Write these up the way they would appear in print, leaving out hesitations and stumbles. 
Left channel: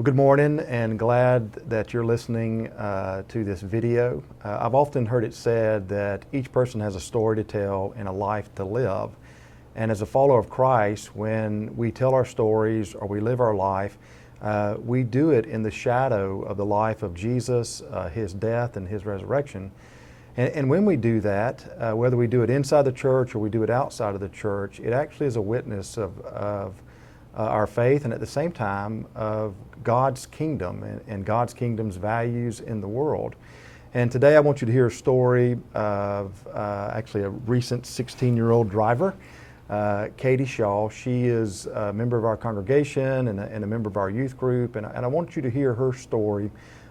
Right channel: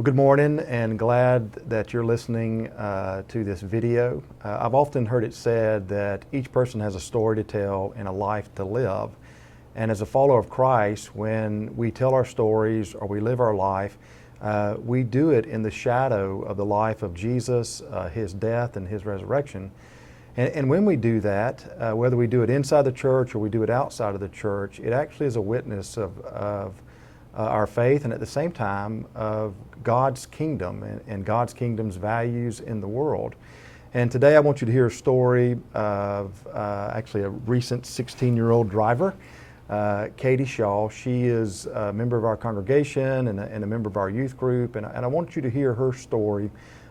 Well, good morning, and glad that you're listening to this video. I've often heard it said that each person has a story to tell and a life to live. And as a follower of Christ, when we tell our stories or we live our life, we do it in the shadow of the life of Jesus, His death and His resurrection. And when we do that, whether we do it inside the church or we do it outside of the church, it actually is a witness of our faith, and at the same time of God's kingdom and God's kingdom's values in the world. And today I want you to hear a story of actually a recent 16-year-old driver, Katie Shaw. She is a member of our congregation and a member of our youth group, and I want you to hear her story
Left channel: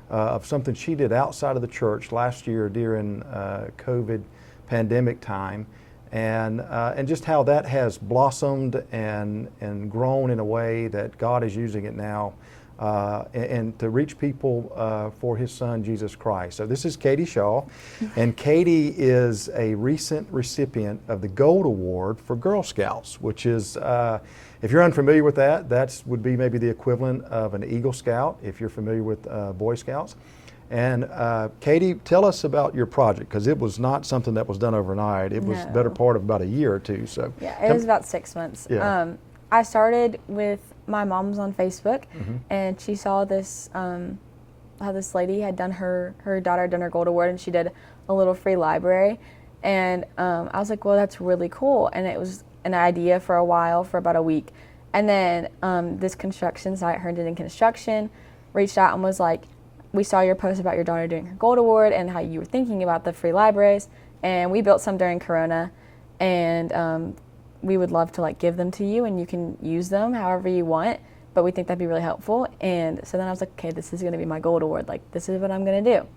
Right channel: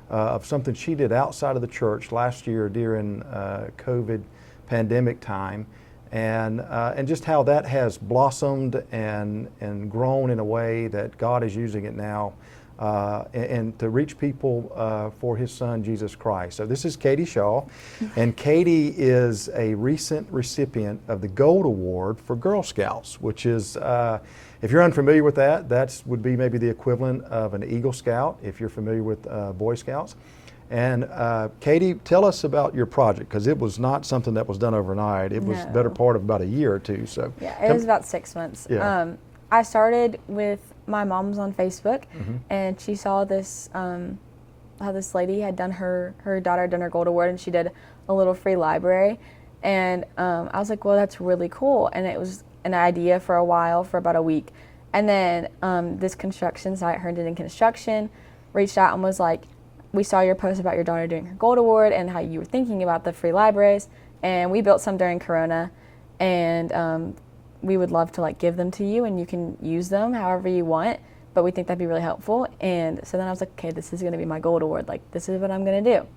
of something she did outside of the church last year during COVID pandemic time, and just how that has blossomed and grown in a way that God is using it now and to reach people for His Son, Jesus Christ. So this is Katie Shaw, and Katie is a recent recipient of the Gold Award for Girl Scouts, which is, if you're unfamiliar with that would be maybe the equivalent of an Eagle Scout, if you're familiar with Boy Scouts. And Katie, tell us about your project, because it was not something that was done overnight. It was the better part of about a year or two. So yeah, it was about 6 months. Yeah. I started with my mom's on Facebook, and she saw this how this lady had done her daughter had done her Gold Award, and she did a little free library, and I was like, well, that's really cool. And it was an idea for a while, for about a week, and then this construction site, Herndon Construction, reached out and was like, we saw your post about your daughter doing her Gold Award and how you were thinking about the free libraries, and we built some during Corona, and we would love to give them to you, and you can use them however you want, but we think that'd be really helpful. And so then I was like, okay, this is going to be my Gold Award, this is what I'm going to do.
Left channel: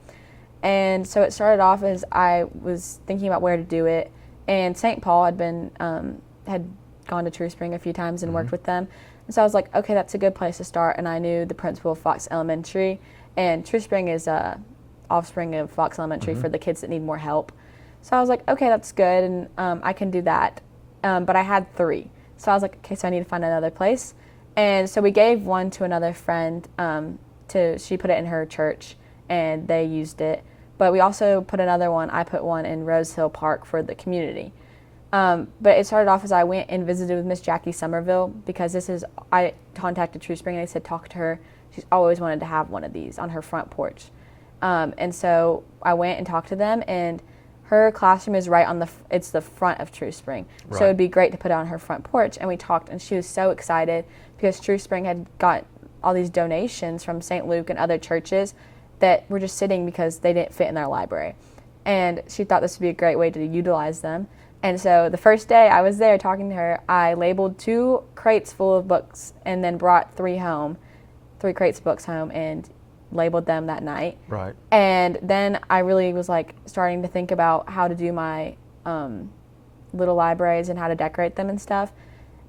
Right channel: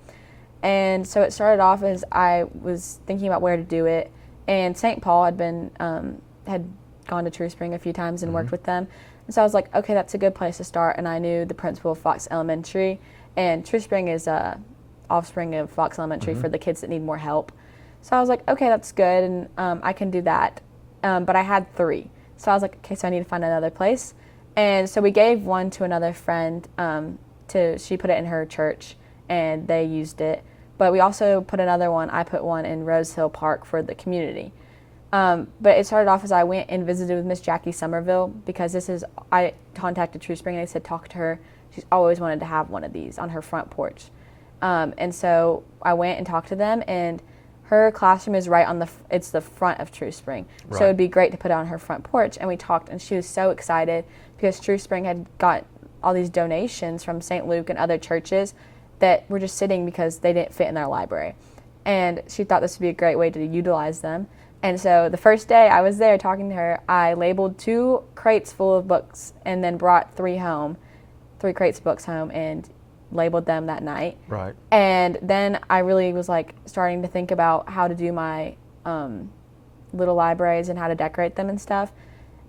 And so it started off as I was thinking about where to do it, and St. Paul had gone to True Spring a few times and worked with them, and so I was like, okay, that's a good place to start. And I knew the principal of Fox Elementary, and True Spring is offspring of Fox Elementary for the kids that need more help. So I was like, okay, that's good, and I can do that. But I had 3. So I was like, okay, so I need to find another place. And so we gave one to another friend. She put it in her church, and they used it. But we also put another one. I put one in Rose Hill Park for the community. But it started off as I went and visited with Miss Jackie Somerville, because I contacted True Spring, and I said, talk to her. She's always wanted to have one of these on her front porch. And so I went and talked to them, and her classroom is right on it's the front of True Spring. Right. So it'd be great to put it on her front porch. And we talked, and she was so excited because True Spring had got all these donations from St. Luke and other churches that were just sitting because they didn't fit in their library. And she thought this would be a great way to utilize them. And so the first day I was there talking to her, I labeled 2 crates full of books and then brought 3 crates of books home, and labeled them that night. Right. And then I really was starting to think about how to do my little libraries and how to decorate them and stuff.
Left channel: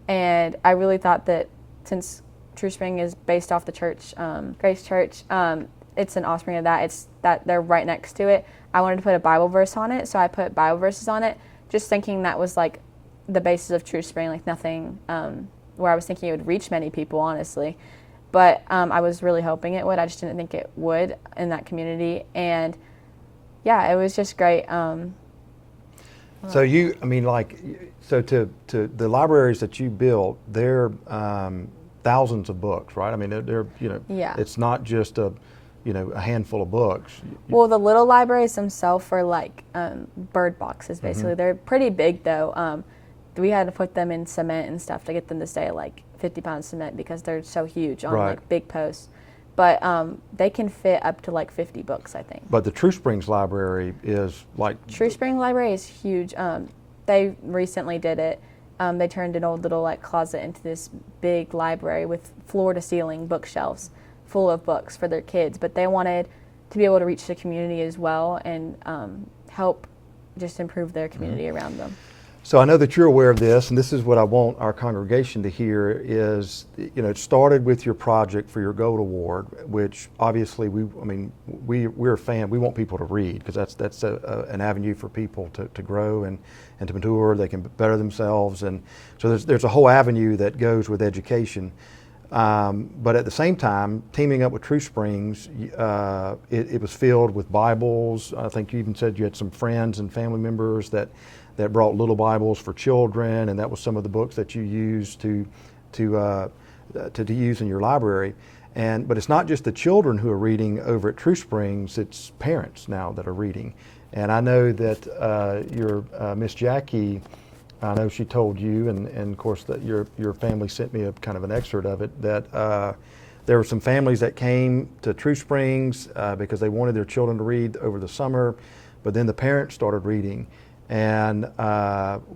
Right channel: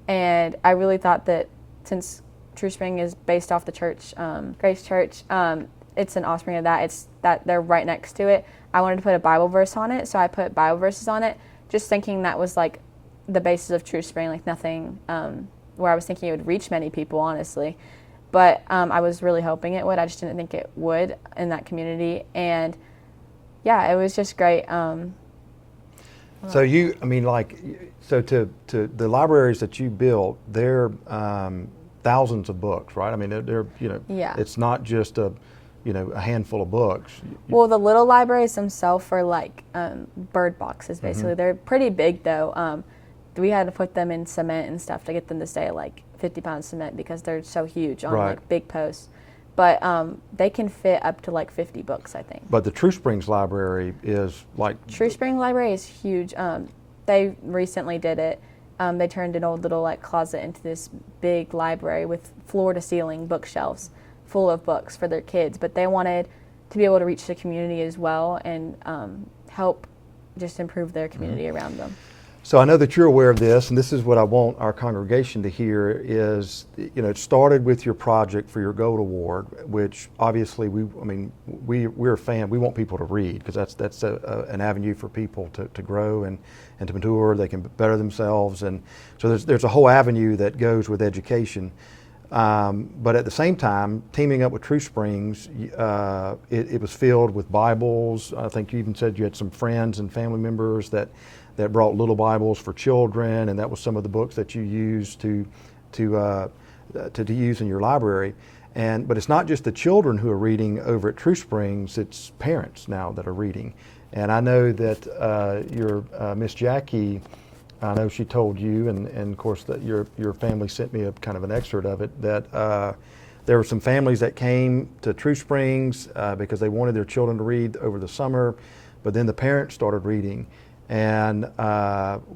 And I really thought that since True Spring is based off the church, Grace Church, it's an offspring of that. It's that they're right next to it. I wanted to put a Bible verse on it, so I put Bible verses on it, just thinking that was the basis of True Spring, nothing where I was thinking it would reach many people, honestly. But I was really hoping it would. I just didn't think it would in that community. And yeah, it was just great. So to the libraries that you built, they're thousands of books, right? I mean, they're yeah. It's not just a handful of books. Well, the little libraries themselves are bird boxes, basically. They're pretty big, though. We had to put them in cement and stuff to get them to stay 50-pound cement, because they're so huge on big posts. But they can fit up to 50 books, I think. But the True Springs Library is True Spring Library is huge. They recently did it. They turned an old little closet into this big library with floor-to-ceiling bookshelves full of books for their kids. But they wanted to be able to reach the community as well and help just improve their community around them. So I know that you're aware of this, and this is what I want our congregation to hear is, it started with your project for your Gold Award, which obviously we're a fan. We want people to read, because that's an avenue for people to grow and to mature. They can better themselves, and so there's a whole avenue that goes with education. But at the same time, teaming up with True Springs, it was filled with Bibles. I think you even said you had some friends and family members that brought little Bibles for children, and that was some of the books that you used to use in your library. But it's not just the children who are reading over at True Springs; it's parents now that are reading. And I know that your Miss Jackie, I know she told you, and of course that your family sent me a kind of an excerpt of it, that there were some families that came to True Springs because they wanted their children to read over the summer, but then the parents started reading. And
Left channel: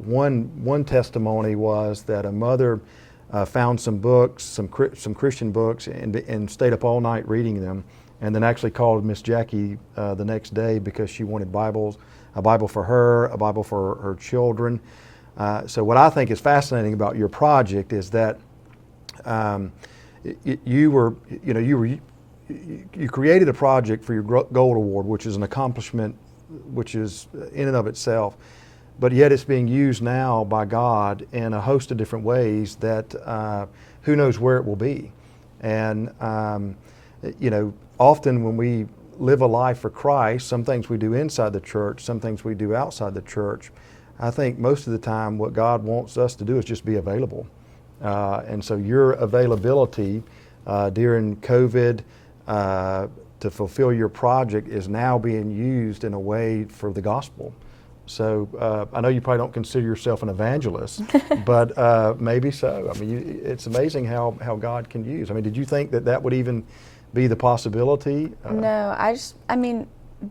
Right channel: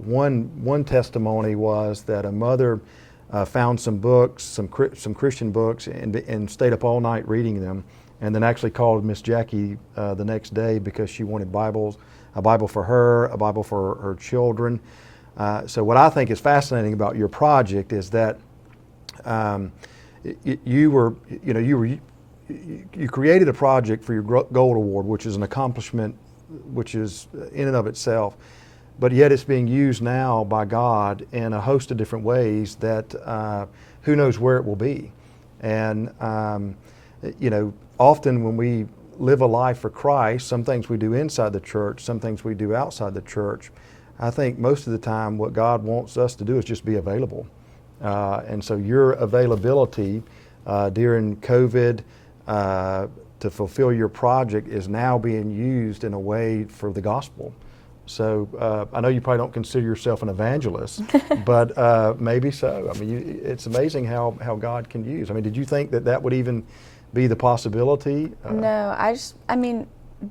one testimony was that a mother found some books, some Christian books, and stayed up all night reading them, and then actually called Miss Jackie the next day because she wanted Bibles, a Bible for her, a Bible for her children. So what I think is fascinating about your project is that you created a project for your Gold Award, which is an accomplishment, which is in and of itself, but yet it's being used now by God in a host of different ways that who knows where it will be. And often when we live a life for Christ, some things we do inside the church, some things we do outside the church. I think most of the time what God wants us to do is just be available. And so your availability during COVID to fulfill your project is now being used in a way for the gospel. So I know you probably don't consider yourself an evangelist, but maybe so. I mean, it's amazing how God can use. I mean, did you think that would even be the possibility? No,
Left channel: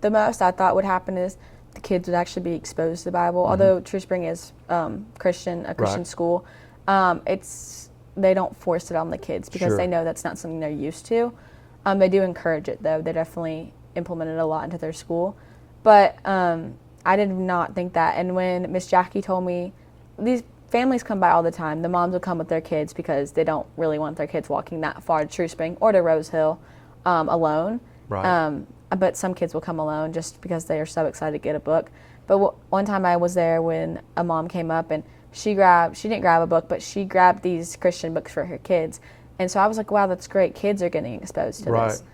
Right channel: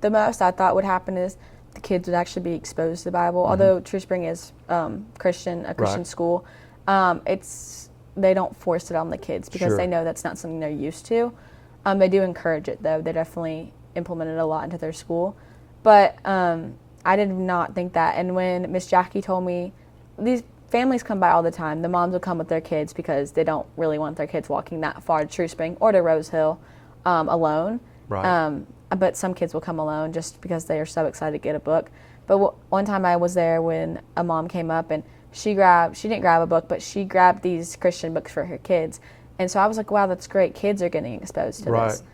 the most I thought would happen is the kids would actually be exposed to the Bible. Mm-hmm. Although True Spring is a Christian right. school, they don't force it on the kids because sure. they know that's not something they're used to. They do encourage it, though. They definitely implement it a lot into their school. But I did not think that. And when Miss Jackie told me, these families come by all the time. The moms will come with their kids because they don't really want their kids walking that far to True Spring or to Rose Hill alone. Right. But some kids will come alone just because they are so excited to get a book. But one time I was there when a mom came up and she didn't grab a book, but she grabbed these Christian books for her kids. And so I was like, wow, that's great. Kids are getting exposed to right. this.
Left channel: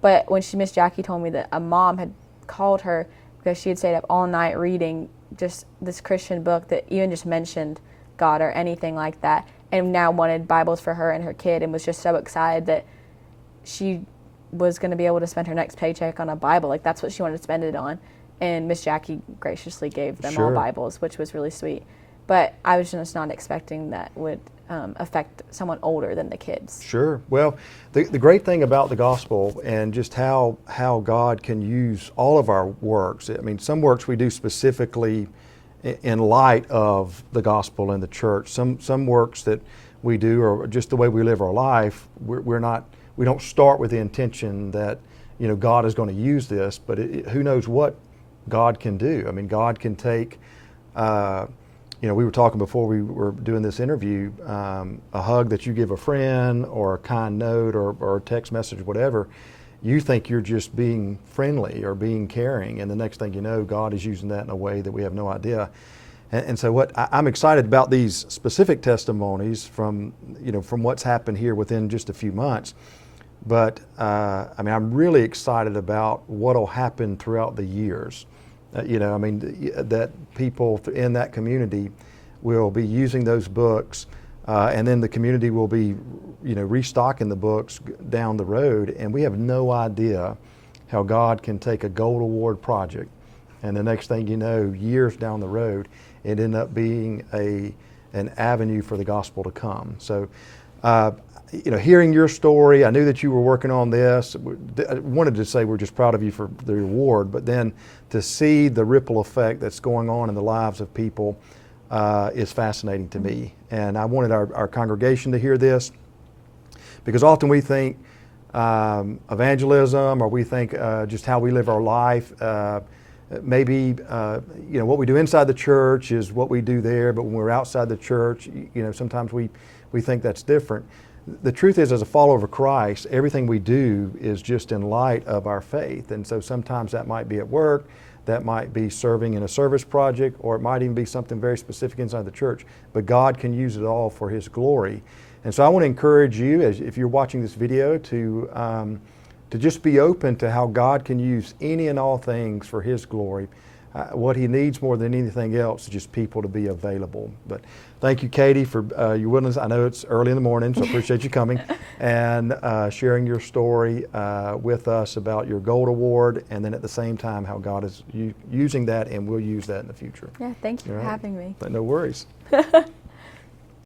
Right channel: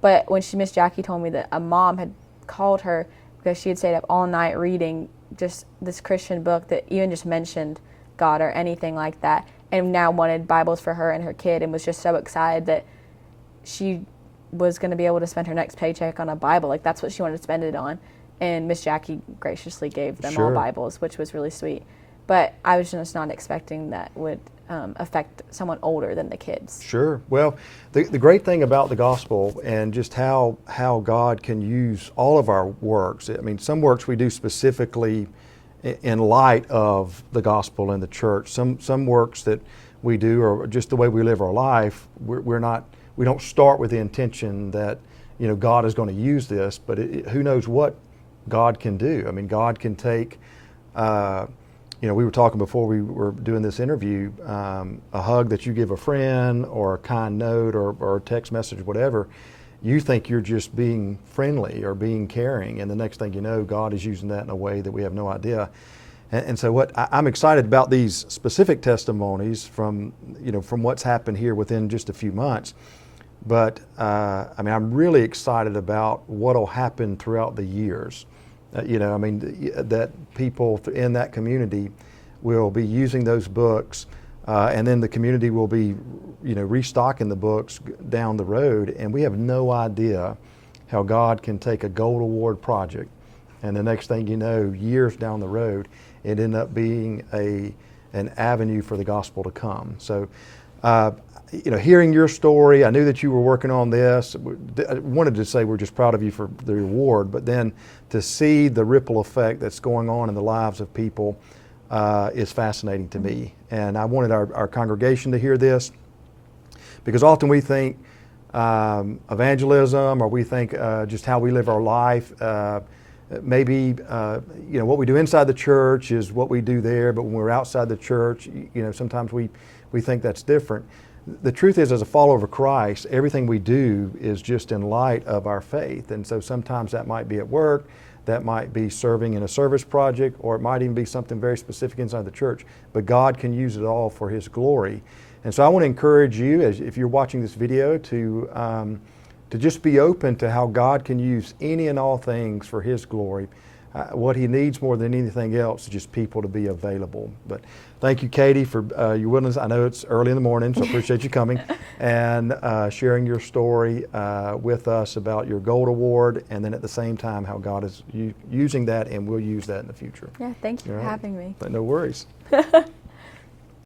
But when Miss Jackie told me that a mom had called her because she had stayed up all night reading just this Christian book that even just mentioned God or anything like that, and now wanted Bibles for her and her kid, and was just so excited that she was going to be able to spend her next paycheck on a Bible. Like, that's what she wanted to spend it on. And Miss Jackie graciously gave them sure. all Bibles, which was really sweet. But I was just not expecting that would affect someone older than the kids. Sure. Well, the great thing about the gospel and just how God can use all of our works, I mean, some works we do specifically in light of the gospel and the church. Some works that we do, or just the way we live our life, we don't start with the intention that God is going to use this, but who knows what God can do. I mean, God can take we were talking before we were doing this interview, a hug that you give a friend, or a kind note, or a text message, whatever. You think you're just being friendly or being caring, and the next thing you know, God is using that in a way that we have no idea. And so what I'm excited about these specific testimonies from what's happened here within just a few months. But I'm really excited about what will happen throughout the years. That people in that community will be using those books, and then the community will be, restocking the books down the road. And we have no idea how God can take a Gold Award project, and the next thing you know, years down the road, it end up being an avenue for the gospel to come. So, hearing your story, I knew that you were working on this. I wanted to say we're just proud of you for the reward, but then to see the ripple effect that's going on in the lives of people is fascinating to me. And I wanted our congregation to hear this, because often we think evangelism, or we think just how we live our life. Maybe what we do inside the church is what we do there, but when we're outside the church, sometimes we think that's different. The truth is, as a follower of Christ, everything we do is just in light of our faith. And so sometimes that might be at work, that might be serving in a service project, or it might even be something very specific inside the church. But God can use it all for His glory. And so I want to encourage you, as if you're watching this video, to just be open to how God can use any and all things for His glory. What He needs more than anything else is just people to be available. But thank you, Katie, for your willingness. I know it's early in the morning, so I appreciate you coming and sharing your story with us about your Gold Award, and then at the same time how God is using that and will use that in the future. Yeah, thank you for having me. No worries.